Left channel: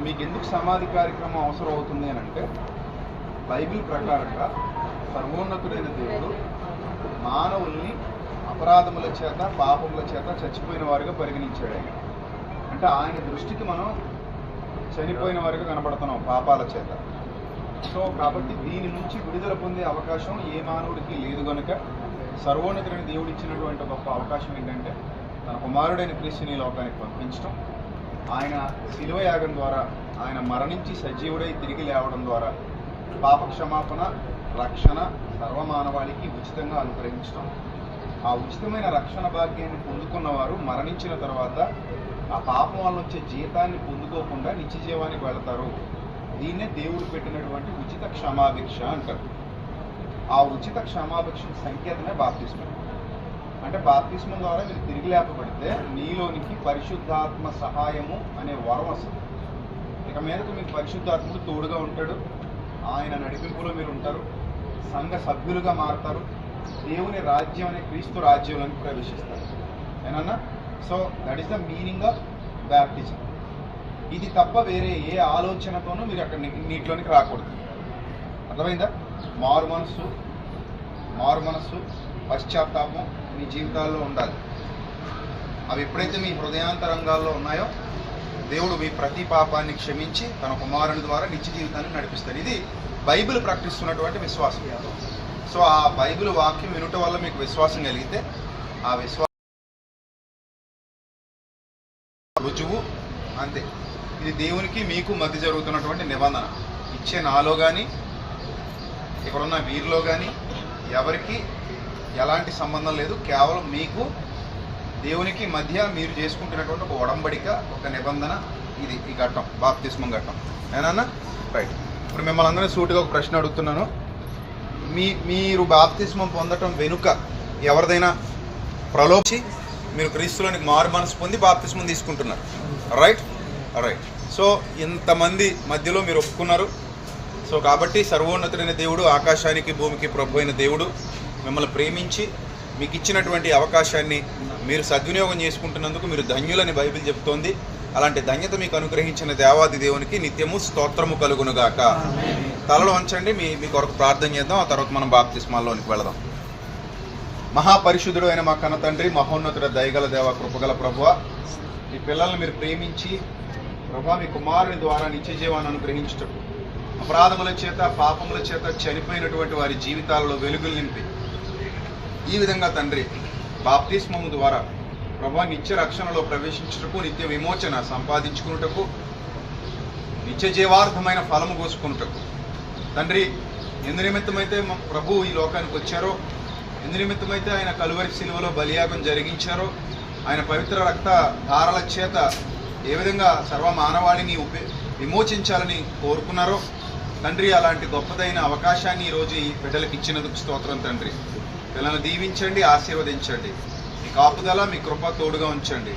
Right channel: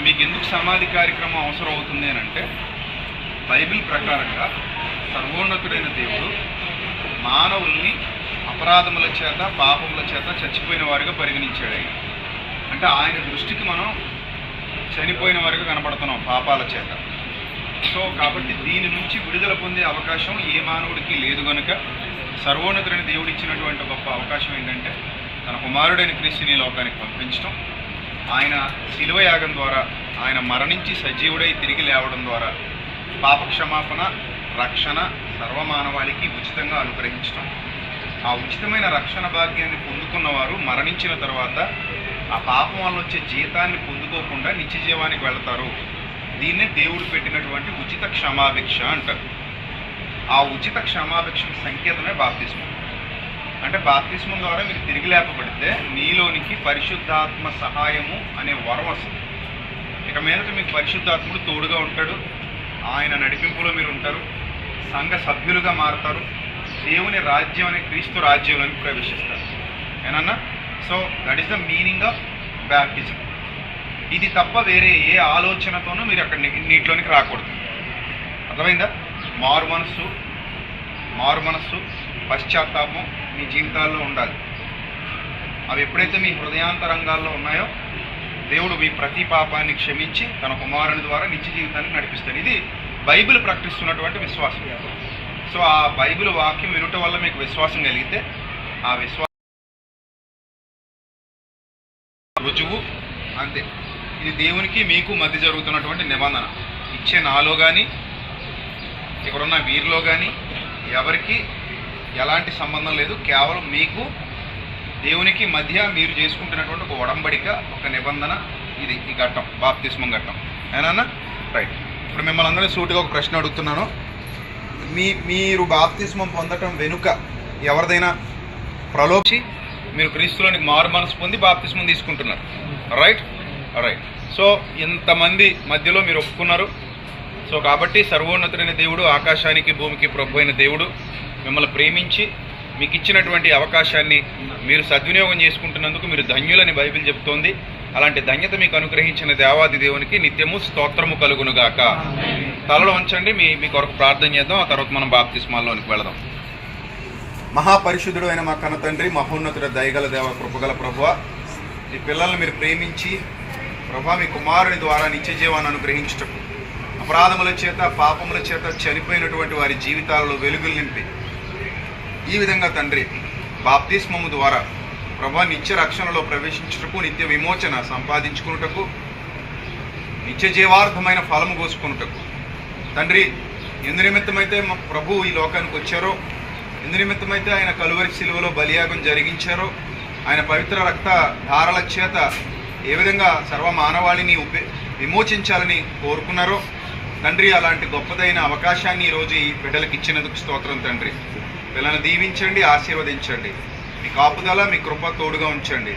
మీకు ఎందుకు సమాధి కార్యక్రమం అవసరం అవుతుంది అని అంటే బైబిల్ ప్రకారంగా సర్వోన్నతుడైన దేవుడు మానవుల్ని అపరాధముల చేత పాపముల చేత చచ్చిపోయిన వారిగా పరిగణించాడు ఆయన. అంటే ఆయన దృష్టికి మనం చనిపోయిన వారిగా కనబడుతున్నాం పాపాల చేత. సో కాబట్టి దీని నుంచి విడుదల పొందే అవకాశం ఏ మానవుడికి లేదు గనుక సర్వోన్నతుడైన దేవుడు ఇచ్చినటువంటి గొప్ప అవకాశం ఏంటంటే తన కుమారుడైన క్రీస్తుని లోకానికి పంపించడం ఆయన శిలువ యాగం ద్వారా ఆయన మరణించి సజీవుడై తిరిగి లేవడం ద్వారా పాప క్షమాపణ రక్షణ సర్వమానవాళికి ఉచితంగా అనుగ్రహించడం ఆ ఉచితమైన రక్షణ భాగ్యాన్ని పొందుకున్నవారు మరణించిన తర్వాత ఆ పాపం వల్ల వచ్చే జీతాన్ని పొందుకోకుండా నిత్య జీవానికి వెళతారు. దీన్నే దేవుడు పెట్టినటువంటి ఉచిత క్షమాభిక్ష అంటారు. ఆ ఉచిత క్షమాభిక్ష సంకేతమే బాప్తిస్మం. అంటే బాప్తిస్మం ద్వారా మీరు తిరిగి లేపబడితే నీలోనికి పరిశుద్ధాత్మ సహాయము అనే వరం వస్తుంది. ఇక మీదట మీకు పరిశుద్ధాత్ముడు తోడుగా ఉంటాడు. ఆయన నడిపింపులో మీరు ఉంటారు. సంఘ సభ్యులుగా మారతారు. దేవుని రాజ్యం అనే క్రీస్తు రాజ్యంలోకి ప్రవేశిస్తారు. ఏనన్నా so that is the meaning of baptism ఇది తప్ప వేరే ఏ ఆలోచనతోనూ మీరు అక్కడ నీటిలోనికి రాకూడదు. అర్థమైందా? మారు మనస్సు మారు మనస్సు పశ్చాత్తాపం మీ జీవితాల్లో ఉండాలి. అవి ఎప్పుడైతే మీ హృదయాంతరంగాల్లో ఉన్నాయో దేవుడు మీ ప్రతి పాపాన్ని క్షమించి తన కుమారుని ద్వారా నిత్య జీవితాన్ని నడిపిస్తాడు. ఇది బైబిల్ ప్రకటిస్తున్నటువంటి విశ్వాసం. సో ఆ బైబిల్ వాక్యం వినుట వల్ల మీకు విశ్వాసం కలిగితే ఆ విశ్వాసం రుజువు అంతే. ఇది దేవునికి మీకు మధ్య జరుగుతున్నటువంటి నిబంధన. ఇచ్చే నాలో కానీ ఇక్కడున్న వీరిలో కానీ ఎవరికి ఎలాంటి సంబంధం లేదు. కేవలం మీకు దేవునికి మధ్య మీరు చేసుకుంటున్నటువంటి ఒక ఒడంబడిక ఒక నిబంధన ఇది ఈ ఘట్టం బాప్తిస్మం ఘట్టం. ఏనా రైట్ ఇప్పుడు మిమ్మల్ని అందరినీ సూటిగా ఒక ప్రశ్న అడుగుతున్నాను. మీ మీరు బాప్తిస్మం పొందటం వెనుక ఎవరిదైనా ప్రలోభి మీరు క్రీస్తులోనికి మారు మనసు పొంది బాప్తిస్మం తీసుకుంటున్నారు. రైట్ రైట్ సో ఇంతమంది మధ్యలో మీరు ఒప్పుకున్నారు. సో కాబట్టి సర్వోన్నతుడైన దేవుడు ఆకాశానికి భూమికి ప్రభు అయిన దేవుడు మిమ్మల్ని ప్రేమించి మీకు ఇచ్చినటువంటి అవకాశాన్ని మీరు సద్వినియోగం చేసుకుంటున్నందుకు మీరు ధన్యులని బైబిల్ చెప్తోంది. అలాంటి ధన్యత మీకు అనుగ్రహించిన దేవాది దేవునికి నిత్యము స్తోత్రము కలుగునుగాక. తలలో ఉంచండి మీ మీ కొరకు ప్రార్థన చేద్దాం ఆ తర్వాత మనం బాప్తిస్మాల్లోనికి వెళదాం. మహాపరిశుద్ధుడు అయిన మా కన్న తండ్రి మహోన్నతుడ దయగల దేవ కృపగల ప్రభువ మీ పిల్లల్ని మీరు ప్రేమించి ప్రభా మీ కుమారుని ద్వారా నిత్య జీవాన్ని అనుగ్రహించటం అపరాధముల చేత పాపముల చేత చనిపోయినటువంటి వారి జీవితాలలో వెలుగులు నింపి ఈ విధంగా తండ్రి బాప్తిస్మము ద్వారా ప్రభా నిత్య రక్షణలో ప్రవేశించుటకు నిత్య విమోచన సంపాదించుకున్నటకు నిత్య జీవార్థమైన ఫలము కోసుకున్నటకు తండ్రి ఎందు నిమిత్తమైతే మా ప్రభు ఈ లోకానికి వచ్చారో ఎందు నిమిత్తమైతే ఆయన కలువరి శిలువలో బలియాగం జరిగించారో ఆయన పవిత్ర రక్త ధారల చేత ఏ విధంగా సర్వ మానవాళిని ఉపే విమోచించాలని కోరుకున్నారో తండ్రి అలాంటి గొప్పదైన అవకాశాన్ని ఈరోజు ఈ బిడ్డలకు ఇచ్చినందుకు స్తోత్రం తండ్రి. పిల్లల్ని దీవించండి ఆశీర్వదించండి. మీ కాపుదల మీ కృప తోడుగా ఉంచండి.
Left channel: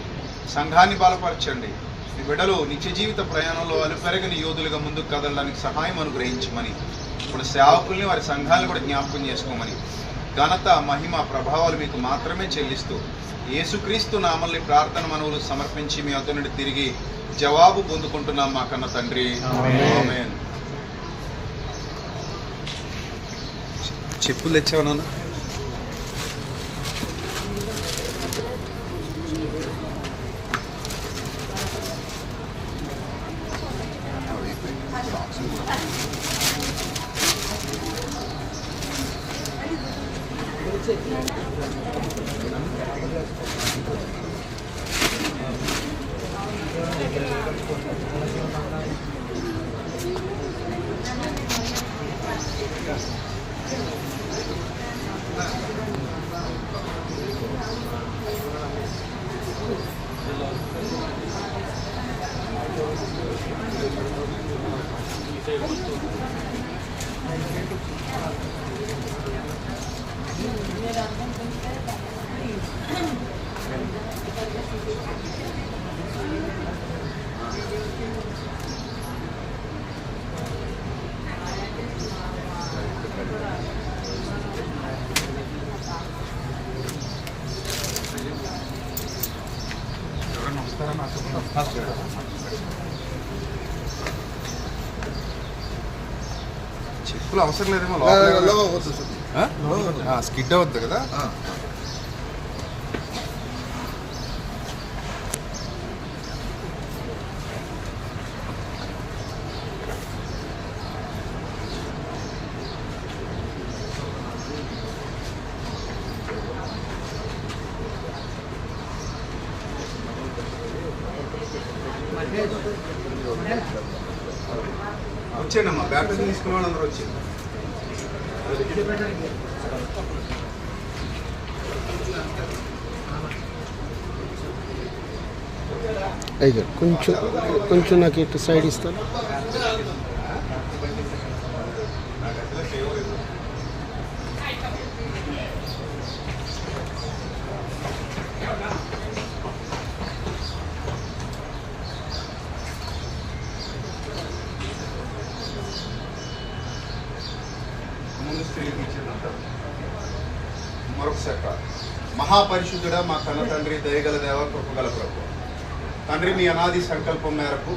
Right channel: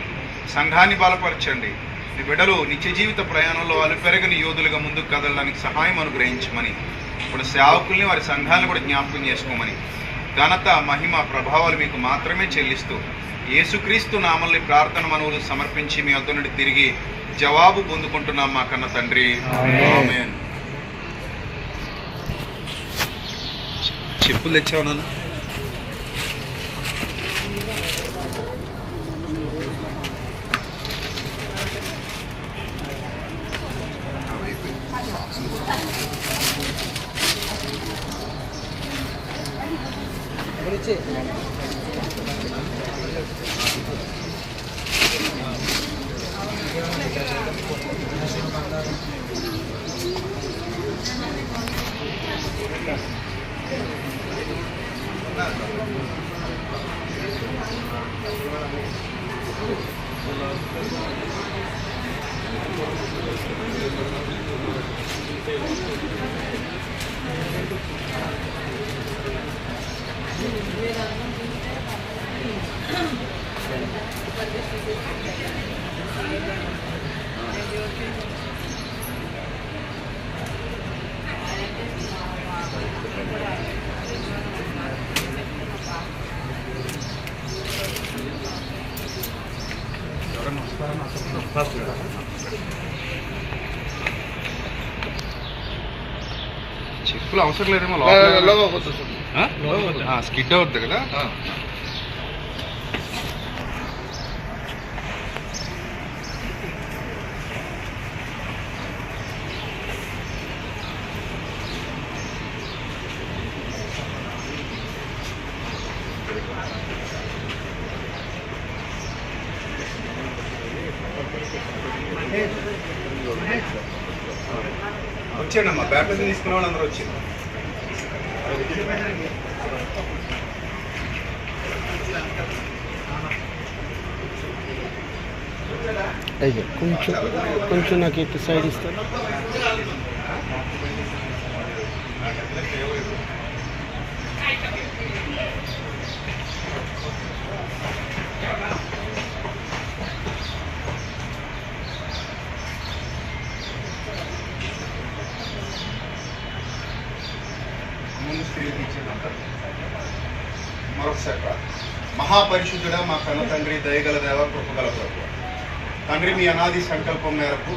సంఘాన్ని బలపరచండి. మీ బిడ్డలు నిత్య జీవిత ప్రయాణంలో అలుపెరగని యోధులుగా ముందుకు కదలడానికి సహాయం అనుగ్రహించమని ఇప్పుడు సేవకుల్ని వారి సంఘాలను కూడా జ్ఞాపకం చేసుకోమని ఘనత మహిమ ప్రభావాలు మీకు మాత్రమే చెల్లిస్తూ యేసుక్రీస్తు నామల్ని ప్రార్థన మనవులు సమర్పించి మీ అంత నుండి తిరిగి జవాబు పొందుకుంటున్నాం మా కన్న తండ్రి. ఆమేన్. చెప్పులు తెచ్చావు నాన్న? ఎవరన్నా వస్తారా చెప్పులు అవసరం లేదేమో లోపల స్కిడ్ అవుద్ది కదా. వచ్చేయండి అమ్మా బ్యాప్టిజం తీసుకునే వాళ్ళందరూ అయ్యో కొంచెం కొంచెం నాకు ఇటు సైడ్ ఇస్తాను మరొకసారి ప్రార్థన. మా కన్న తండ్రి దయగల దేవ కృపగల ప్రభు తండ్రి మీ అనాది సంకల్పం మేరకు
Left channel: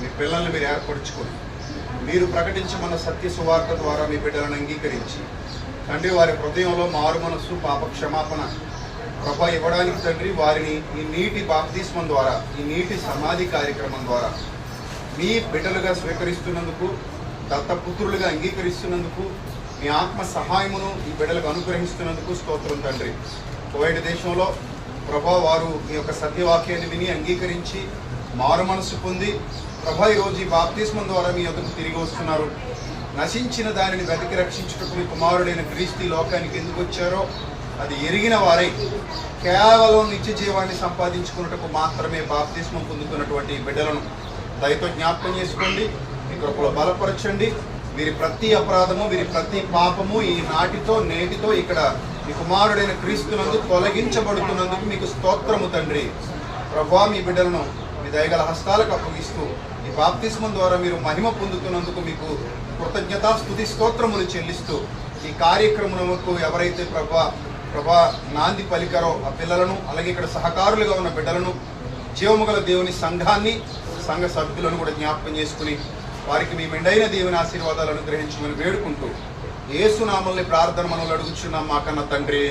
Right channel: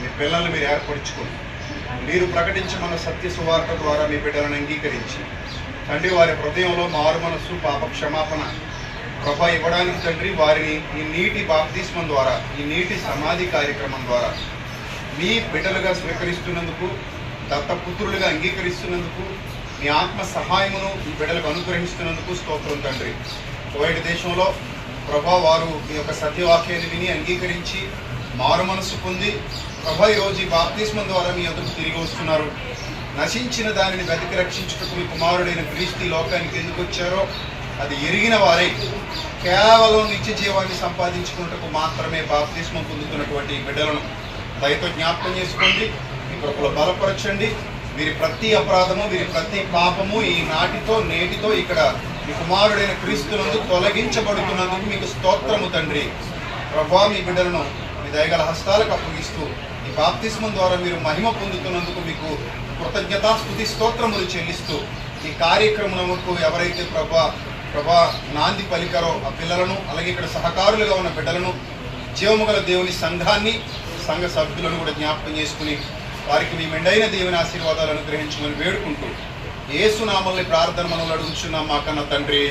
మీ పిల్లల్ని మీరు ఏర్పరచుకొని మీరు ప్రకటించమన్న సత్య సువార్త ద్వారా మీ బిడ్డలను అంగీకరించి తండ్రి వారి హృదయంలో మారు మనస్సు పాప క్షమాపణ ప్రభ ఇవ్వడానికి తండ్రి వారిని ఈ నీటి బాప్తిస్మం ద్వారా ఈ నీటి సమాధి కార్యక్రమం ద్వారా మీ బిడ్డలుగా స్వీకరిస్తున్నందుకు దత్తపుత్రులుగా అంగీకరిస్తున్నందుకు మీ ఆత్మ సహాయమును మీ బిడ్డలకు అనుగ్రహిస్తున్నందుకు స్తోత్రం తండ్రి. కోవిడ్ దేశంలో ప్రభా వారు మీ యొక్క సత్యవాక్యాన్ని విని అంగీకరించి మారు మనసు పొంది ప్రభా ఈరోజు ఈ బాప్తిస్మం ద్వారా మీ యొద్దకు తిరిగి వస్తున్నారు. నశించిన దానిని వెతికి రక్షించుటకు మీ కుమారుడైన క్రీస్తు లోకానికి ఎందుకు వచ్చారో అది ఎరిగిన వారే కేవలం నిత్య జీవాన్ని సంపాదించుకున్నటకు మాత్రమే బాప్తిస్మం పొందుతున్నటువంటి బిడ్డలను దయతో జ్ఞాపకం చేసుకోండి మీ కృపలో బలపరచండి. వీరి ప్రతి అపరాధము వీరి ప్రతి పాపము ఈ నాటితో నేటితో ఇక్కడ మీ కుమారుడైన క్రీస్తునందు తొలగించబడుతున్నందుకు మీకు స్తోత్రము తండ్రి. ప్రభా మీ బిడ్డలను మీ దయగల హస్తాలకు అప్పగిస్తూ ఈ బాప్తిస్మం ద్వారా మీరు మహిమ పొందుతున్నందుకు మీకు కృతజ్ఞత స్థుతి స్తోత్రములు చెల్లిస్తూ ఈ కార్యక్రమములకు ఎవరైతే ప్రభా ప్రభా నాంది పలికారో ఆ పిల్లలను అలాగే ఇక్కడ సహకారులుగా ఉన్న బిడ్డలను జీవముగల దేవుని సంఘాన్ని సంఘ సభ్యులను కూడా జ్ఞాపకం చేసుకుని వారికి మీ మెండైన దేవుని ఆశీర్వాదాలు అనుగ్రహించమని వేడుకుంటూ ఏసునామల్ని ప్రార్థన మనల్ని అడుగుచున్నాం మా కన్న తండ్రి.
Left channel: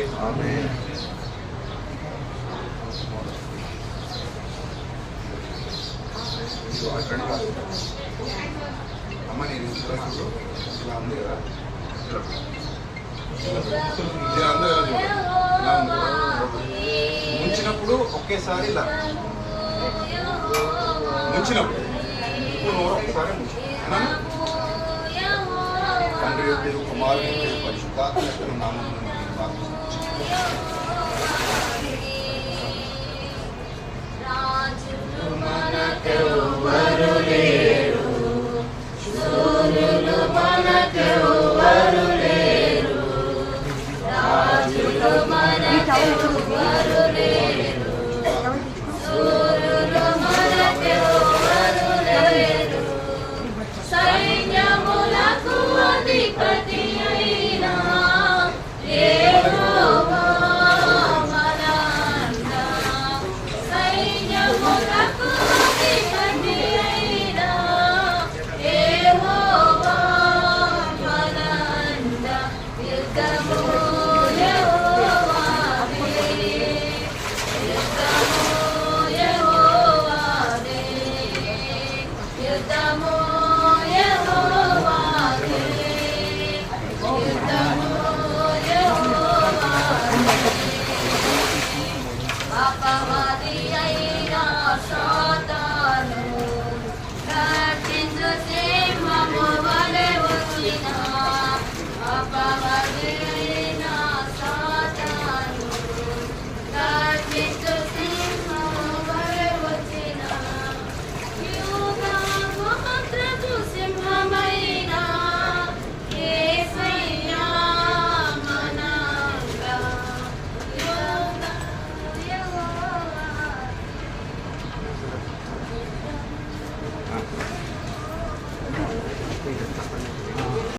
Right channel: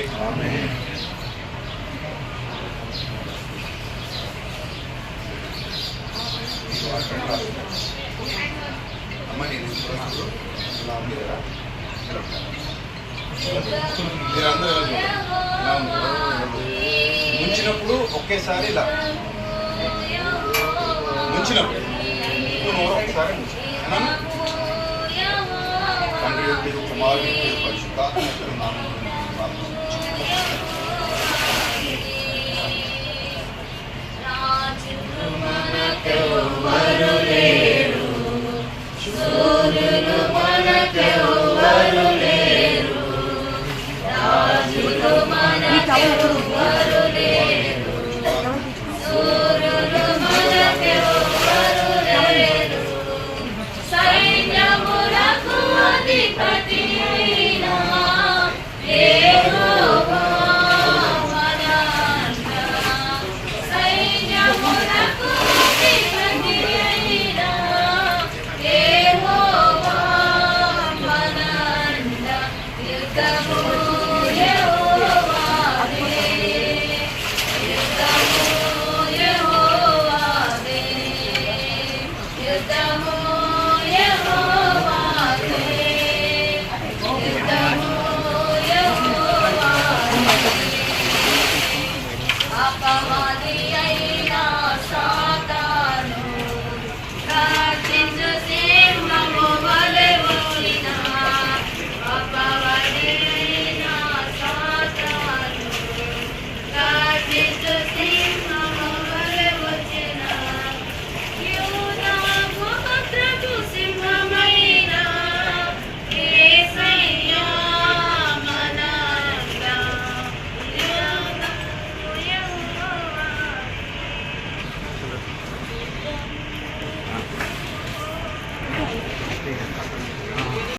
అమ్మ నేను ముంచినప్పుడు ఒకేసారి ఇలా. ముంచినప్పుడు. ఇప్పుడు నోరు ఒకసారి తండ్రి పేరు, కుమారుని పేరు, పరిశుద్ధాత్మ పేరు పేరు, మనకెవ్వరు లేరు ప్రార్థిస్తున్నాను. మనకెవ్వరు